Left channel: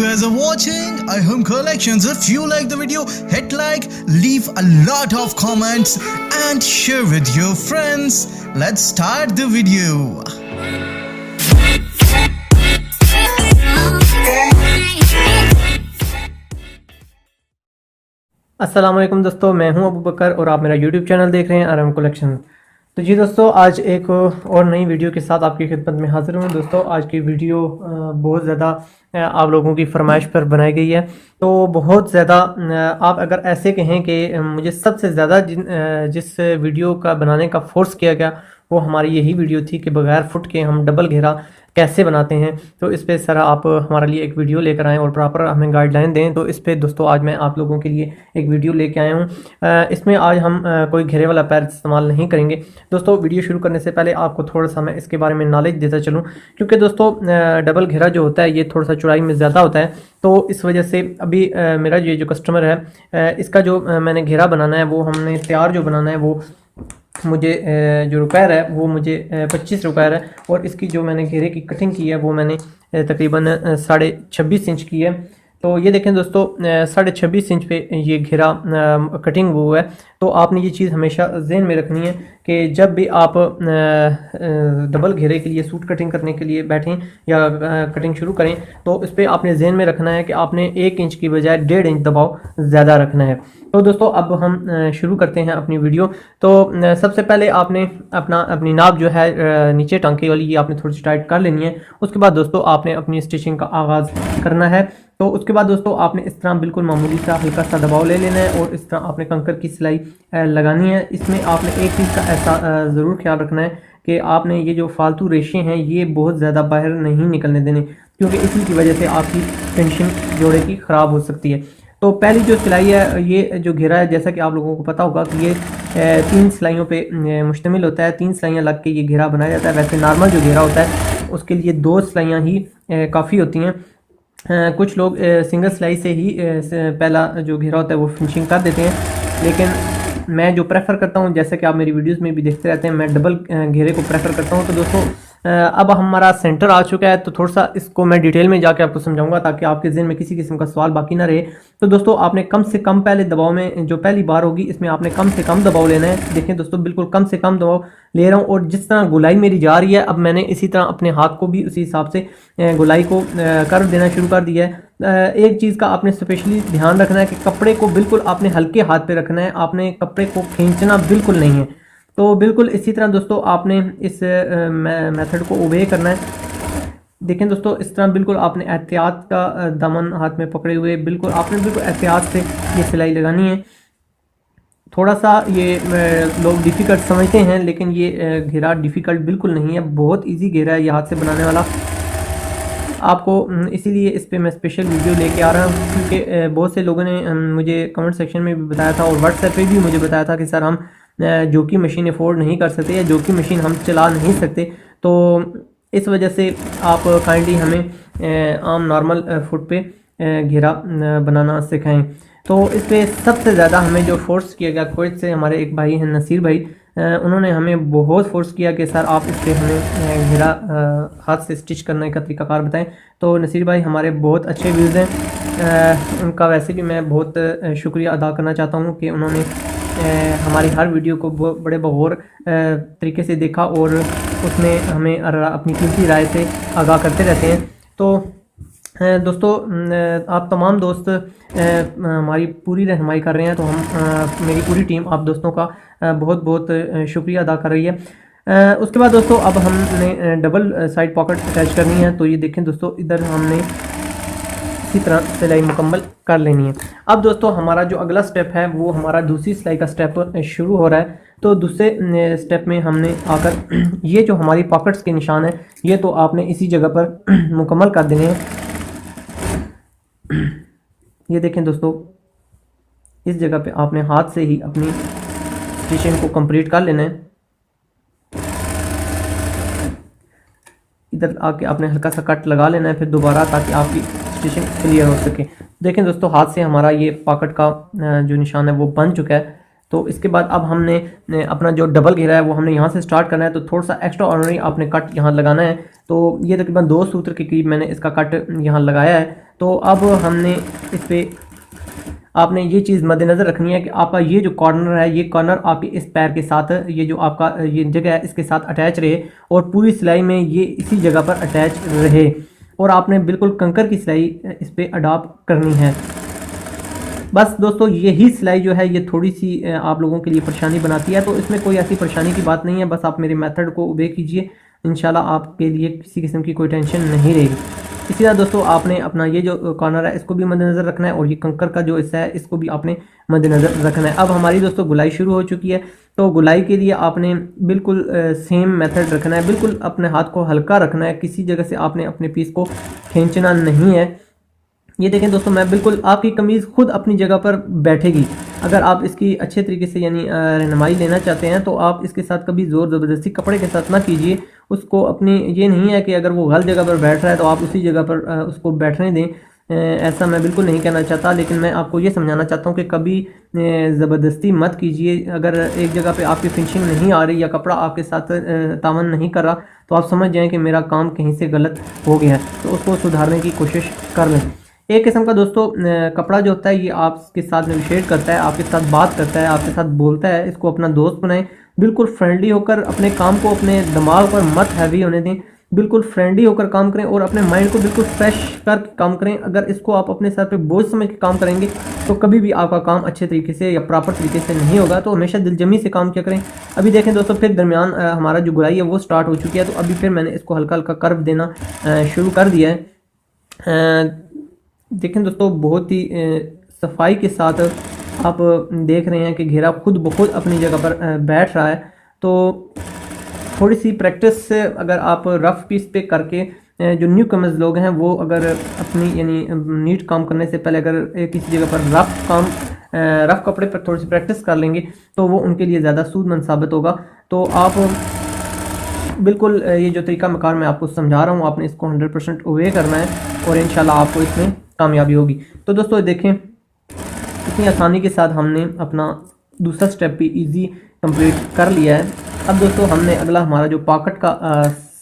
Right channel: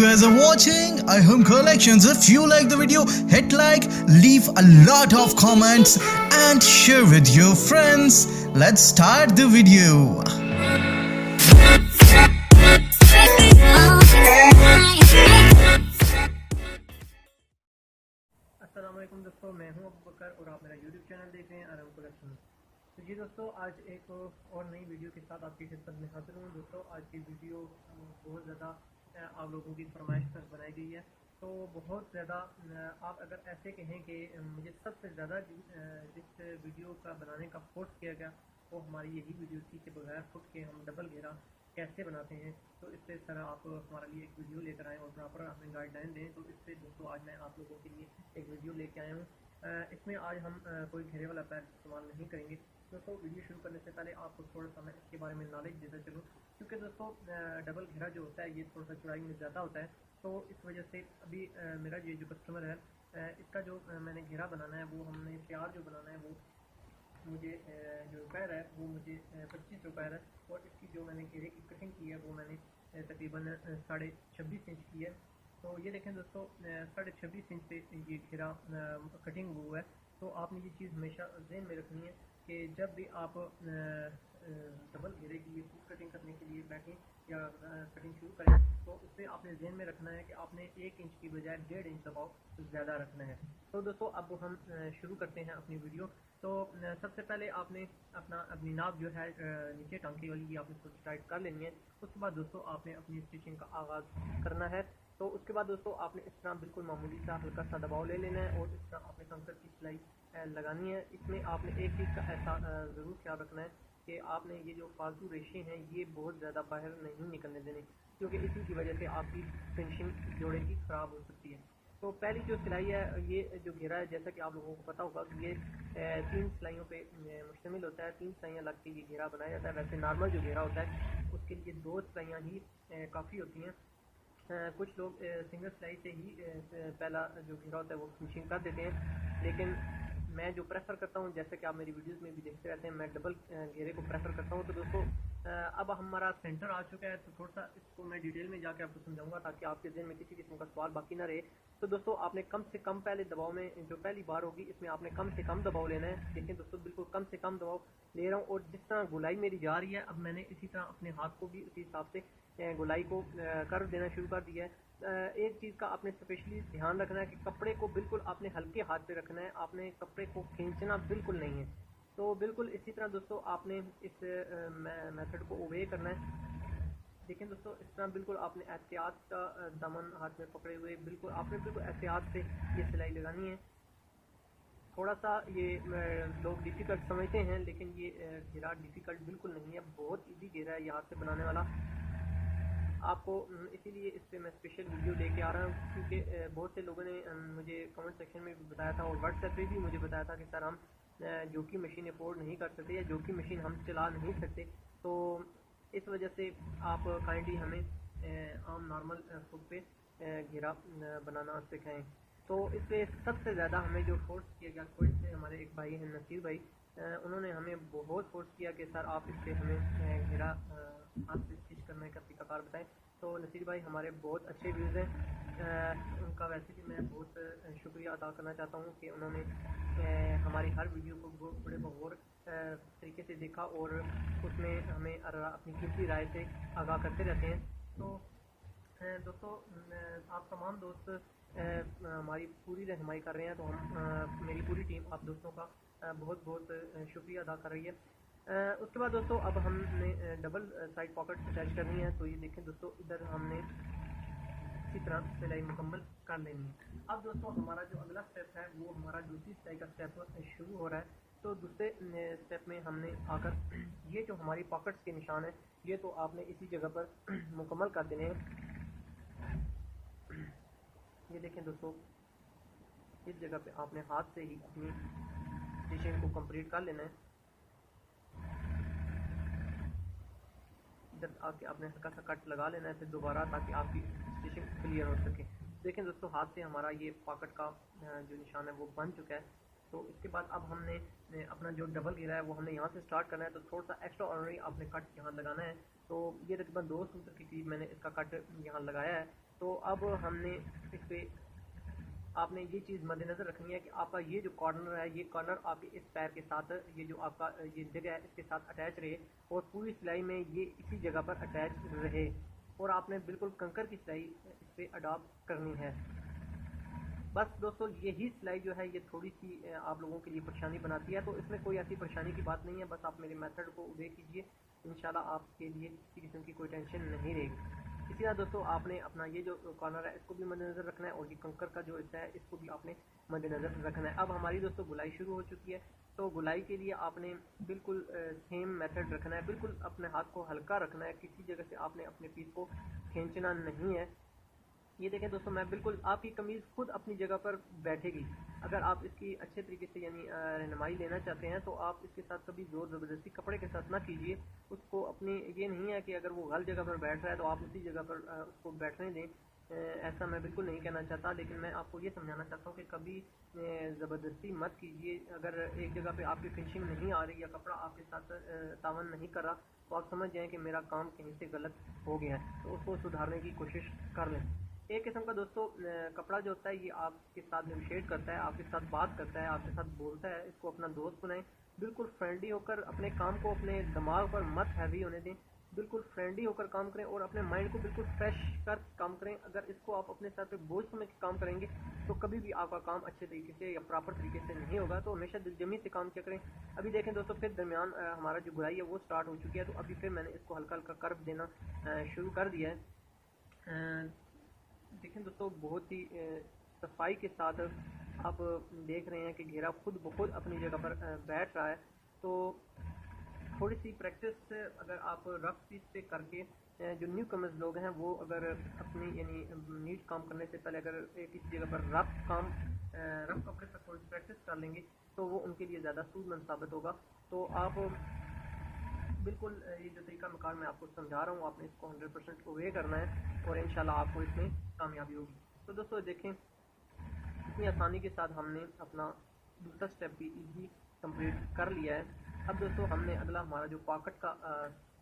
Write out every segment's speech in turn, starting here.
guys are watching iHome Collections. If you like the video, hit like, leave a lot of comments and share with your friends. Let's start the video. अस्सलाम वालेकुम दोस्तों, मैं हूं अबू बकर और आप मेरा YouTube channel देख रहे हैं आरएम कलेक्शन। तो जी दोस्तों, आज एक और नई वीडियो के साथ आपकी खिदमत में हाजिर हूं। दोस्तों आज की वीडियो बहुत ज़्यादा आप लोगों की फरमाइश पर बनाई गई है। तो बहुत ज़्यादा आप अगर ऐसे कहें कि मुझे सबसे ज़्यादा जिस वीडियो का बनाने का फोर्स किया गया वो हमारी यही वीडियो थी कि बगैर फुट के हम डबल घेरा कैसे बनाते हैं। तो इस पे सर आप हमारे लिए एक वीडियो लेकर आएँ और प्रॉपर हमें गाइडलाइन दें। तो इस पे दोस्तों आज मैं आप लोगों के लिए एक वीडियो लेके आया हूँ। इसमें आज हम कोई घेरे वाला पैर इस्तेमाल नहीं करेंगे। दोस्तों वीडियो शुरू करने से पहले आपको थोड़ा सा मैं इसके बारे में नॉलेज देता चलूँ, क्योंकि दोस्तों डबल घेरा जो होता है ये थोड़ा सा चौड़ाई में ज़्यादा होता है। तो इस वजह से अभी मेरा ये जो कस्टमर है इसका जो मैंने घेरा बनाना है वो हमने तैयार जो बनाना है वो मुझे जो रुपैर है वो मुझे 25 रुपैर है। और इसकी जो मैंने घेरे की कटिंग की है वो मैंने तकरीबन 26.5 इंच की है। तो ये देखें दोस्तों 26.5 इंच पे ये घेरा कटिंग वो है। तो आपने ये चीज़ हमेशा जहन में रखनी है कि जब भी आप डबल घेरे के लिए सूट कटिंग करने के लिए बैठें या कटिंग शुरू करें तो इस पर आपने जहन में रखना है कि आपने 1 इंच की बजाय 1.5 इंच दबाव ज़्यादा रखना है। तो दोस्तों अब हम शुरू करते हैं अपनी वीडियो। तो सबसे पहले आपने अपनी नाप जो है नीचे टांके वाली ये आपने थोड़ी सी टाइट कर लेनी है। उसके बाद दोस्तों आपने अपनी स्टिचिंग का आगाज़ करना है। तो उसके बाद दोस्तों आपने इस तरह बिल्कुल मामूली सा हल्का सा दबाव ले लेना है और इस तरह आपने कंकर की सिलाई लगानी है। इसमें आपने एक चीज़ का ऐसा ज़रूर ख्याल रखना है कि आपने ये जो फालतू रेशे हैं ये बहुत ज़्यादा बाहर नहीं निकलने देने, क्योंकि इसी की वजह से आपकी फिनिशिंग जोड़े की ख़राब हो सकती है। तो पहली जो सिलाई है ये जो घेरा है जैसा कि आप लोगों को पता होगा कि ये 3 सिलाइयों पे मुश्तमिल होता है। 3 सिलाइयाँ लग के ये घेरा बनाया जाता है। वैसे नॉर्मल जो घेरा होता है उसके लिए 2 सिलाइयाँ ही काफ़ी होती हैं। कुछ लोग सिंगल सिलाई से ही पहला जो घेरा होता है वो फिनिशिंग कर देते हैं, लेकिन मैं जो प्रेफर करता हूँ जैसे कि आप मेरी वीडियोस में भी देखते रहते हैं मैं डबल घेरे को प्रेफर करता हूँ। तो दोस्तों अब हमारा सेंटर आ चुका है तो थोड़ा सा इसको मैं डिटेल में जाके आपको समझाऊंगा ताकि आपके ज़हन में किसी किस्म का सवाल बाकी ना रहे। तो दोस्तों आपने कम से कम पहले दबाव में जो पहली बार होगी इसमें आपने कम से कम दबाव लेना है। देखें दोस्तों बिल्कुल कम से कम दबाव ले रहा हूँ और जिस तरह गोलाई मेरी जा रही है अब मैंने इसी तरह अपने हाथ को भी उसी हिसाब से गोलाई को कर देना शुरू कर दिया है। एक चीज़ का आपने स्पेशली ध्यान रखना है कि कपड़े को बिल्कुल आपने हल्के हाथ पे रखना है, आपने कपड़े को खींचना बिल्कुल नहीं है। तो बिल्कुल इसी तरह दोस्तों आपने इस मेथड को ओबे करना है। देखें दोस्तों इस तरह बिल्कुल आपने एहतियात का दामन हाथ में पकड़े हुए बिल्कुल आपने बिल्कुल एहतियात से ये सिलाई लगानी है। थोड़ा सा ये लोग डिफ़िकल्ट समझते हैं लेकिन ये घेरा डिफ़िकल्ट बिल्कुल नहीं है, बहुत इजी घेरा है ये हाथ से बनाने वाला। आपको इसीलिए इस पे मैं स्पेशल वीडियो लेके आ रहा हूँ क्योंकि बहुत से लोगों ने मुझे कमेंट सेक्शन में भी बताया था और व्हाट्सएप पे भी मुझे बताया था कि सर हम जो कि मशीन अफोर्ड नहीं कर सकते या जो कि मशीन हम चला नहीं सकते। तो इस वजह से आप काइंडली हमें आम नॉर्मल फुट पे घेरा बनाना सिखाएं। तो इस पर सबसे ज़्यादा हमें जो फोर्स किया गया कुवैत से हमारे एक भाई हैं नसीर भाई, उन्होंने हमें बहुत फोर्स किया कि सर आप इस पर हमें घेरा हाथ से स्टिच करने का तरीकाकार बताएं। तो नसीर भाई हमारे बहुत अच्छे व्यूज़ हैं, उनका वैसे भी मैं बहुत शुक्रिया अदा करना चाहता हूँ कि उन्होंने हमारी हर वीडियो को बड़े बगौर तरीके से देखा और उसमें हमें अपनी कीमती राय से आगाह करते रहते हैं। तो दोस्तों आप तमाम दोस्त हमारी पूरी रहनुमाई कर रहे हैं, तो हम मेरी पूरी टीम आप दोस्तों का बहुत बहुत शुक्रिया अदा कर रही है। उसके बाद दोस्तों अब हमने डबल साइड पॉकेट अटैच करनी है। तो ये देखें दोस्तों इधर हमने इसी तरह सिलाई मुकम्मल कर लेनी है। अब दोस्तों हमारा जो अगला स्टेप है वो हमारा दूसरी सिलाई का स्टेप शुरू हो रहा है। तो दूसरे स्टेप में हमने आकर ये जो हमारी पॉकेट्स के निशान है ये तो आपने इसी जगह पर मुकम्मल कर देने हैं। ये देखें दोस्तों इस जगह पे आपने हाथ से ही अपनी स्टिचिंग को कंप्लीट कर लेना है। इधर आके आपने हल्का सा कट लगा लेना है फिर दोबारा, ताकि आपकी स्टिचिंग क्लियर हो सके। देखें दोस्तों हाथ से हमारा ये पॉकेट का जो निशान है वो बन चुका है। तो इसके बाद अब हमने अपना जो डबल घेरा है वो हमने यहाँ से स्टार्ट करना है। तो थोड़ा सा एक्स्ट्रा ऑर्डिनरी आपने कट यहाँ लगाना है। तो ये तकरीबन 2 सूत्र के करीब मैंने इसका कट यहाँ लगाया है। तो अब हमने इस पर आपने ये चीज़ मद्देनज़र रखनी है कि आपका ये जो कॉर्नर है, ये कॉर्नर आपके इस पैर के साथ, ये जो आपका ये जगह है इसके साथ अटैच रहे और पूरी सिलाई में ये इसी जगह पर अटैच रहे। और आपने बिल्कुल कंकर की सिलाई इस पर अडॉप्ट करनी है। बस दोस्तों यही सिलाई जो है ये थोड़ी सी आप लोगों के लिए परेशानी बनाती है। तो इसमें कोई ऐसी परेशानी की बात नहीं है, बस आप मेरे मेथड को ओबे कीजिए, इंशाल्लाह आपके लिए किसी किस्म की कोई टेंशन नहीं रहेगी। इसी तरह दोस्तों आपने अपना ये जो कॉर्नर है इसको भी मद्देनज़र रखना है और ये कंकर का जो हिस्सा है इसको भी आपने मद्देनज़र रखना है। अब हमारी दोस्तों गुलाई शुरू हो चुकी है। तो गुलाई के लिए आपने बिल्कुल सेम मेथड रखना है, बिल्कुल अपने हाथ को हल्का रखना है, किसी जगह से आपने अपने पीस को खींचना नहीं है। ये देखें दोस्तों, मैं बिल्कुल आपकी कमीज़ खुद अपनी जगह पर बैठेगी। अगर आप इसकी अच्छे तरीके से यानी रहनुमाई लेना चाहते हैं तो आप इसके साथ कभी ज़ोर ज़बरदस्ती कपड़े के साथ ना कीजिए उसको। अपनी ये नहीं है कि अगर वो गलत जगह पर बैठ रहा है तो आप उसी जगह पर उसको बैठने दें, ऐसा मैं बिल्कुल नहीं कहना चाहता। लेकिन मैं आपको ये समझाना चाहता हूँ कि कभी ज़बरदस्ती मत कीजिए। अगर एक जगह पे आपकी फिनिशिंग नहीं आ रही या कपड़ा आपके साथ तावन नहीं कर रहा तो आप समझ जाएं कि मेरा काम कहीं से गलत हो गया है, तो उसको सुधारने की कोशिश कर लें। एक किस्म का दोस्तों कपड़ा जो होता है ये आपके साथ नेगोशिएट करता है, आपके साथ बात करता है, आपके साथ बोलता है। इसको अपना दोस्त बनाएं, बिल्कुल फ्रेंडली होकर अपने काम को अपने दिमाग पर मत हैवी होने दें, बिल्कुल फ्रेंडली होकर काम करें और अपने माइंड को बिल्कुल फ्रेश कर काम करें। अगर इसको आप अपने सर पे बोझ समझ के काम करेंगे तो कभी भी आपका काम अच्छे तरीके से या प्रॉपर तरीके से नहीं होगा। तो हमेशा दिलजमी से काम किया करें। अभी देखें दोस्तों, फिर दरमियान हमारा जो गुलाई है वो स्टार्ट हो चुकी है। तो अभी फिर मैंने इसको हल्का हल्का कर्व देना शुरू कर दिया है। देखें दोस्तों, बहुत ही सफाई के साथ आप देख रहे हैं कि घेरा खुद ब खुद अपनी जगह पर बैठ रहा है। तो थोड़ी सी प्रैक्टिस से अगर आप रफ़ पीस पे करके जो न्यू कमर्स लोग हैं वो अगर अपनी यानी नीट काम करने से पहले अगर किसी जगह पर रफ़ कपड़े पर थोड़ी सी प्रैक्टिस कर लेंगे तो वो उनके लिए ज़्यादा सूदमंद साबित होगा। तो आप बिल्कुल ये जो तरीका मकार मैं आपको समझा रहा हूँ आपने इसको 100% ओबे करना है और इंशाल्लाह आपको इसमें कामयाबी होगी। तो दोस्तों देखें, इतनी आसानी के साथ हमने अपना दूसरा स्टेप भी इजी कंप्लीट कर लिया है। अब दोस्तों हमने अगला हमारा जो पॉकेट का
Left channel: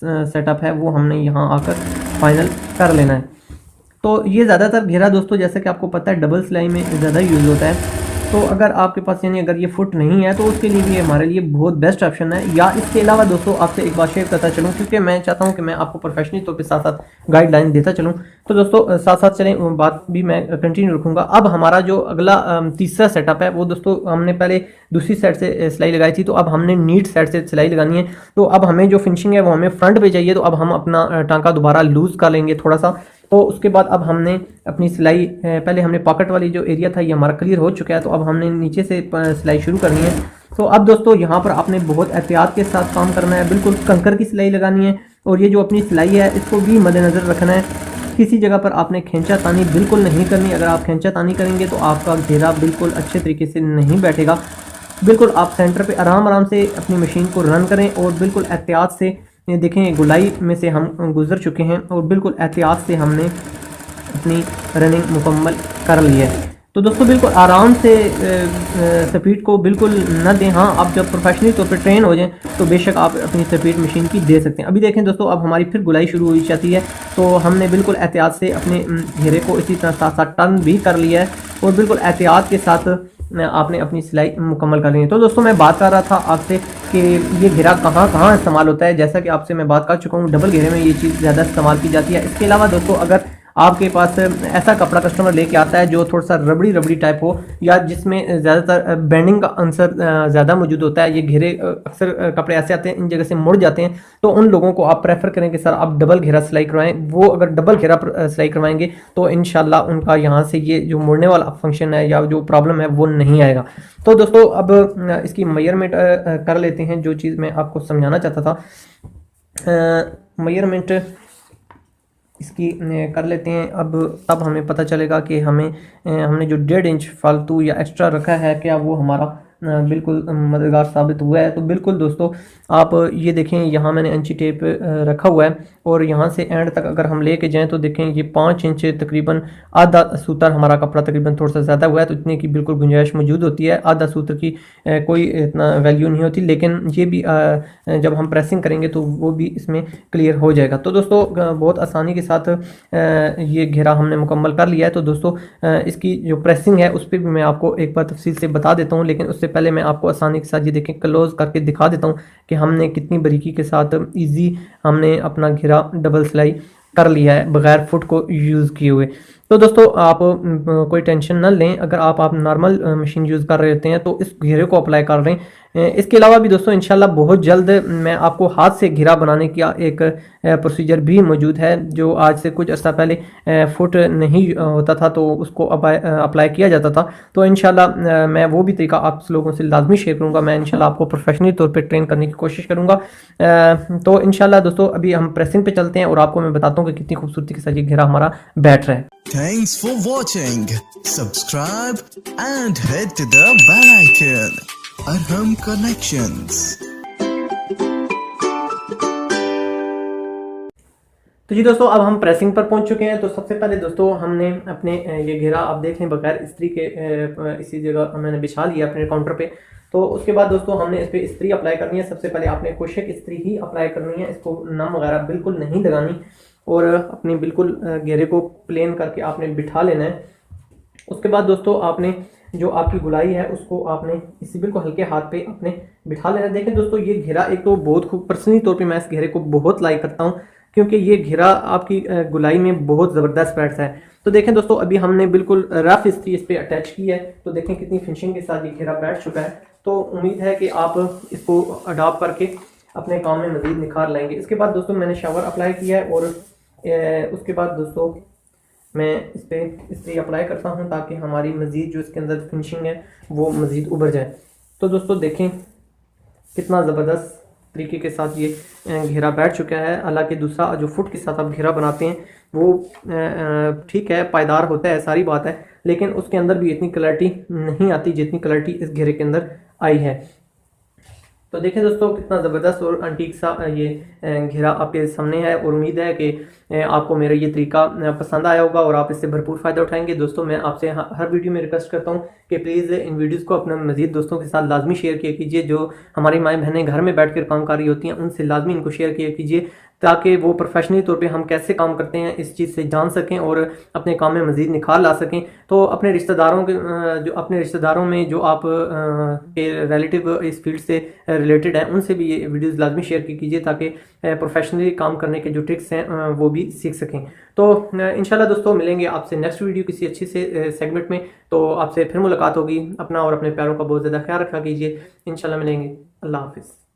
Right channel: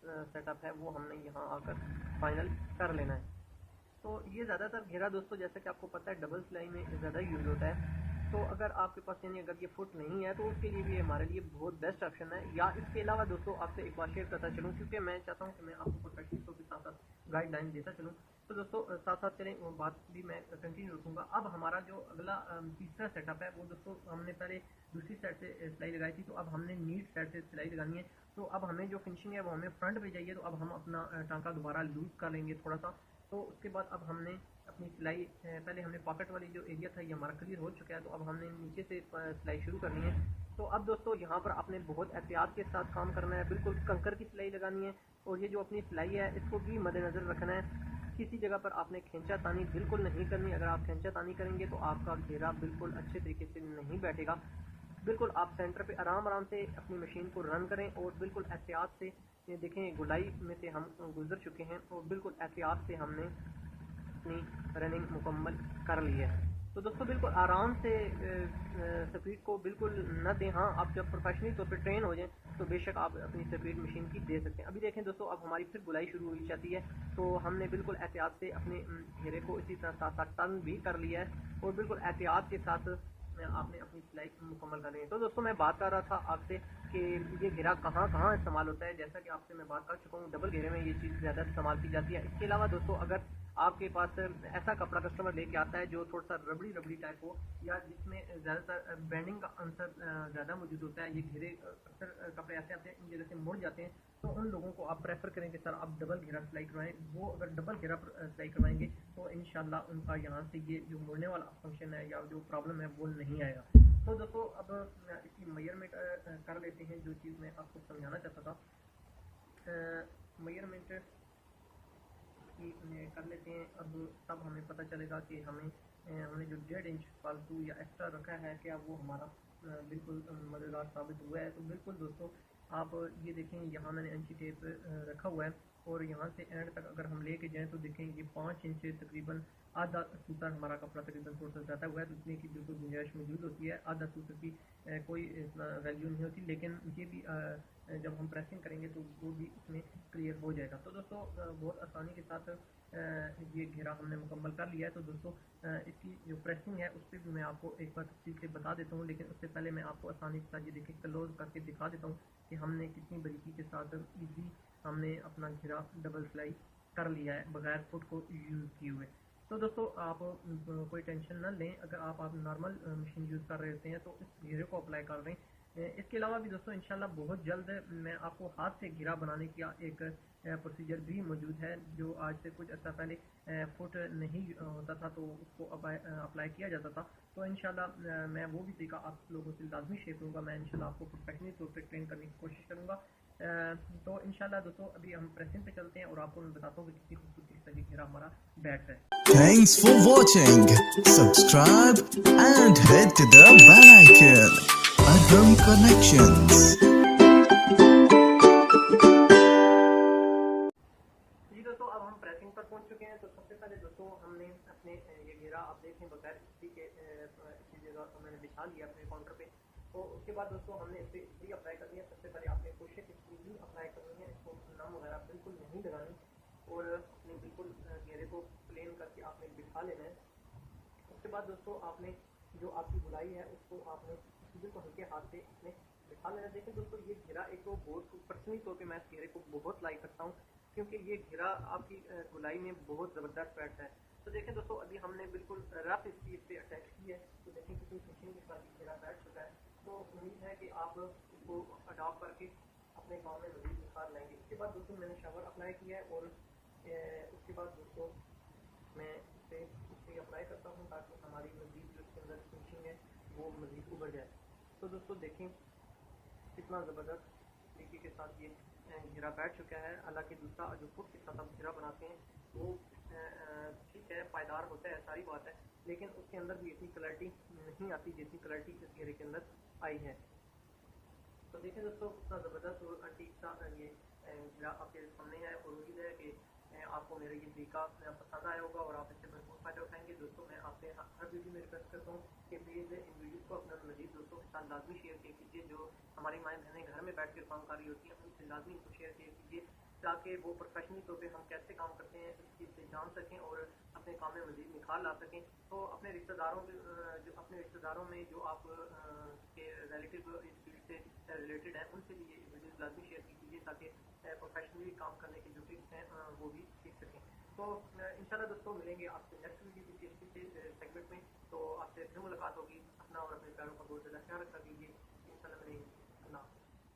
सेटअप है वो हमने यहाँ आकर फाइनल कर लेना है। तो ये ज़्यादातर घेरा दोस्तों जैसे कि आपको पता है डबल सिलाई में ज़्यादा यूज़ होता है। तो अगर आपके पास यानी अगर ये फुट नहीं है तो उसके लिए भी हमारे लिए बहुत बेस्ट ऑप्शन है। या इसके अलावा दोस्तों आपसे एक बात शेयर करता चलूँ, क्योंकि मैं चाहता हूँ कि मैं आपको प्रोफेशनल तौर पे साथ साथ गाइडलाइन देता चलूँ। तो दोस्तों साथ साथ चलें, बात भी मैं कंटिन्यू रखूँगा। अब हमारा जो अगला तीसरा सेटअप है वो दोस्तों हमने पहले दूसरी साइड से सिलाई लगाई थी, तो अब हमने नीट साइड से सिलाई लगानी है। तो अब हमें जो फिनिशिंग है वो हमें फ्रंट पे चाहिए। तो अब हम अपना टांका दोबारा लूज़ कर लेंगे थोड़ा सा। तो उसके बाद अब हमने अपनी सिलाई, पहले हमने पॉकेट वाली जो एरिया था ये हमारा क्लियर हो चुका है। तो अब हमने नीचे से सिलाई शुरू करनी है। तो अब दोस्तों यहाँ पर आपने बहुत एहतियात के साथ काम करना है, बिल्कुल कंकर की सिलाई लगानी है। और ये जो अपनी सिलाई है इसको भी मद्देनज़र रखना है, किसी जगह पर आपने खींचा तानी बिल्कुल नहीं करनी। अगर आप खींचा तानी करेंगे तो आपका घेरा बिल्कुल अच्छे तरीके से नहीं बैठेगा। बिल्कुल आप सेंटर पे आराम से अपनी मशीन को रन करें और बिल्कुल एहतियात से, ये देखें गुलाई में से हम गुजर चुके हैं और बिल्कुल एहतियात से हमने अपनी रनिंग मुकम्मल कर ली है। तो दोस्तों बिल्कुल आराम से स्पीड को बिल्कुल न दें। हाँ, आप जब प्रोफेशनली तौर पे ट्रेन हो जाएं तो बेशक आप अपनी स्पीड मशीन की दे सकते हैं। अभी देखें दोस्तों, अब हमारी फिर गुलाई शुरू हो जाती है। तो हमने बिल्कुल एहतियात से अपने घेरे को इसी तरह साथ साथ टर्न भी कर लिया है और बिल्कुल एहतियात के साथ आपने अपनी सिलाई मुकम्मल कर ली है। तो दोस्तों मैं बात कर रहा था आपसे कि ये घेरा कहाँ कहाँ इस्तेमाल होता है। जैसा कि आपसे मैं बात कर चुका हूँ, डबल घेरे में ये चीज़ ज़्यादा इस्तेमाल की जाती है। इसके अलावा दोस्तों अगर आपके पास ऐसा कपड़ा कस्टमर लेके आता है जो थोड़ा सा रबड़ी टाइप हो या जिसमें ज़्यादातर बेंडिंग का आंसर ज़्यादा मौजूद होता है, ये घेरे अक्सर कपड़े ऐसे आते हैं इन जगह से मुड़ जाते हैं, तो उन लोगों को आप प्रेफर करें कि सर आप डबल घेरा सिलाई करवाएं। वो अगर डबल घेरा सिलाई करवाएंगे तो इंशाल्लाह उनका यहाँ से ये जो मुड़ने वाला फंक्शन है या जो प्रॉब्लम है वो नहीं आएगा। तो दोस्तों अब इसकी मेजरमेंट कर लेते हैं, जो चीज़ मैं आपको समझाना चाहता था। मेजरमेंट इसकी कर लेते हैं। अब हमें पता चलेगा कि हमने जो 1.5 इंच फालतू या एक्स्ट्रा रखा है क्या वो हमारा बिल्कुल मददगार साबित हुआ है। तो बिल्कुल दोस्तों आप ये देखें, यहाँ मैंने इंची टेप रखा हुआ है और यहाँ से एंड तक अगर हम लेके जाएं तो देखें ये 5 इंच तकरीबन, आधा सूत्र हमारा कपड़ा तकरीबन थोड़ा सा ज़्यादा हुआ है, तो इतने की बिल्कुल गुंजाइश मौजूद होती है। आधा सूत्र की कोई इतना वैल्यू नहीं होती, लेकिन ये भी जब हम प्रेसिंग करेंगे तो वो भी इसमें क्लियर हो जाएगा। तो दोस्तों बहुत आसानी के साथ ये घेरा हमने मुकम्मल कर लिया है। तो दोस्तों इसकी जो प्रेसिंग है उस पर भी मैं आपको एक बार तफसील से बता देता हूँ, लेकिन उससे पहले मैं आपको आसानी के साथ ये देखें क्लोज करके दिखा देता हूँ कि हमने कितनी बारीकी के साथ ईजी हमने अपना घेरा डबल सिलाई कर लिया है बगैर फुट को यूज़ किए हुए। तो दोस्तों आप कोई टेंशन ना लें, अगर आप नॉर्मल मशीन यूज़ कर रहे होते हैं तो इस घेरे को अप्लाई कर रहे हैं। इसके अलावा भी दोस्तों इंशाल्लाह बहुत जल्द मैं आपको हाथ से घेरा बनाने का एक प्रोसीजर भी मौजूद है, जो आज से कुछ अर्सा पहले फुट नहीं होता था तो उसको अप्लाई किया जाता था। तो इंशाल्लाह मैं वो भी तरीका आप लोगों से लाजमी शेयर करूँगा। मैं इंशाल्लाह आपको प्रोफेशनली तौर पे ट्रेन करने की कोशिश करूँगा। तो इंशाल्लाह दोस्तों अभी हम प्रेसिंग पे चलते हैं और आपको मैं बताता हूँ कि कितनी खूबसूरती के साथ ये घेरा हमारा बैठ रहा है। Thanks for watching. Subscribe and hit the bell icon. Arham Collections. तो जी दोस्तों अब हम प्रेसिंग पर पहुंच चुके हैं। तो सबसे पहले दोस्तों हमने अपने ये घेरा आप देख लें बगैर इस्त्री के इसी जगह मैंने बिछा लिया अपने काउंटर पे। तो उसके बाद दोस्तों हमने इस पर इस्त्री अप्लाई करनी है। सबसे पहले आपने खुशक इस्त्री ही अप्लाई करनी है, इसको नम वगैरह बिल्कुल नहीं लगानी और अपनी बिल्कुल घेरे को प्लेन करके आपने बिठा लेना है। उसके बाद दोस्तों आपने जो आपकी गुलाई है उसको आपने इसी बिल्कुल हल्के हाथ पे अपने बिठा लेना है। देखें दोस्तों ये घेरा एक तो बहुत खूब, पर्सनली तौर पे मैं इस घेरे को बहुत लाइक करता हूँ क्योंकि ये घेरा आपकी गुलाई में बहुत ज़बरदस्त बैठता है। तो देखें दोस्तों अभी हमने बिल्कुल रफ इस्त्री इस पर अटैच की है, तो देखें कितनी फिनिशिंग के साथ ये घेरा बैठ चुका है। तो उम्मीद है कि आप इसको अडॉप्ट करके अपने काम में मज़ीद निखार लाएंगे। इसके बाद दोस्तों मैंने शावर अप्लाई किया है और उसके बाद दोस्तों मैं इस पर इस्त्री अप्लाई करता हूं ताकि हमारी मज़ीद जो इसके अंदर फिनिशिंग है वो मज़ीद उभर जाए। तो दोस्तों देखें कितना ज़बरदस्त तरीके के साथ ये घेरा बैठ चुका है। हालांकि दूसरा जो फुट के साथ आप घेरा बनाते हैं वो ठीक है, पायदार होता है, सारी बात है, लेकिन उसके अंदर भी इतनी क्लैरिटी नहीं आती जितनी क्लैरिटी इस घेरे के अंदर आई है। तो देखें दोस्तों कितना ज़बरदस्त और अंटीक सा ये घेरा आपके सामने है और उम्मीद है कि आपको मेरा ये तरीका पसंद आया होगा और आप इससे भरपूर फ़ायदा उठाएंगे। दोस्तों मैं आपसे हर वीडियो में रिक्वेस्ट करता हूँ कि प्लीज़ इन वीडियोज़ को अपने मज़ीद दोस्तों के साथ लाजमी शेयर किया कीजिए। जो हमारी माएँ बहनें घर में बैठ कर काम कर रही होती हैं उनसे लाजमी इनको शेयर किया कीजिए ताकि वो प्रोफेशनली तौर पे हम कैसे काम करते हैं इस चीज़ से जान सकें और अपने काम में मज़ीद निखार ला सकें। तो अपने रिश्तेदारों के जो अपने रिश्तेदारों में जो आप के रिलेटिव इस फील्ड से रिलेटेड हैं उनसे भी ये वीडियोज़ लाजमी शेयर कीजिए ताकि प्रोफेशनली काम करने के जो ट्रिक्स हैं वो भी सीख सकें। तो इंशाल्लाह दोस्तों मिलेंगे आपसे नेक्स्ट वीडियो किसी अच्छी से सेगमेंट में। तो आपसे फिर मुलाकात होगी। अपना और अपने प्यारों का बहुत ज़्यादा ख्याल रखा कीजिए। इंशाल्लाह मिलेंगे। अल्लाह हाफिज़।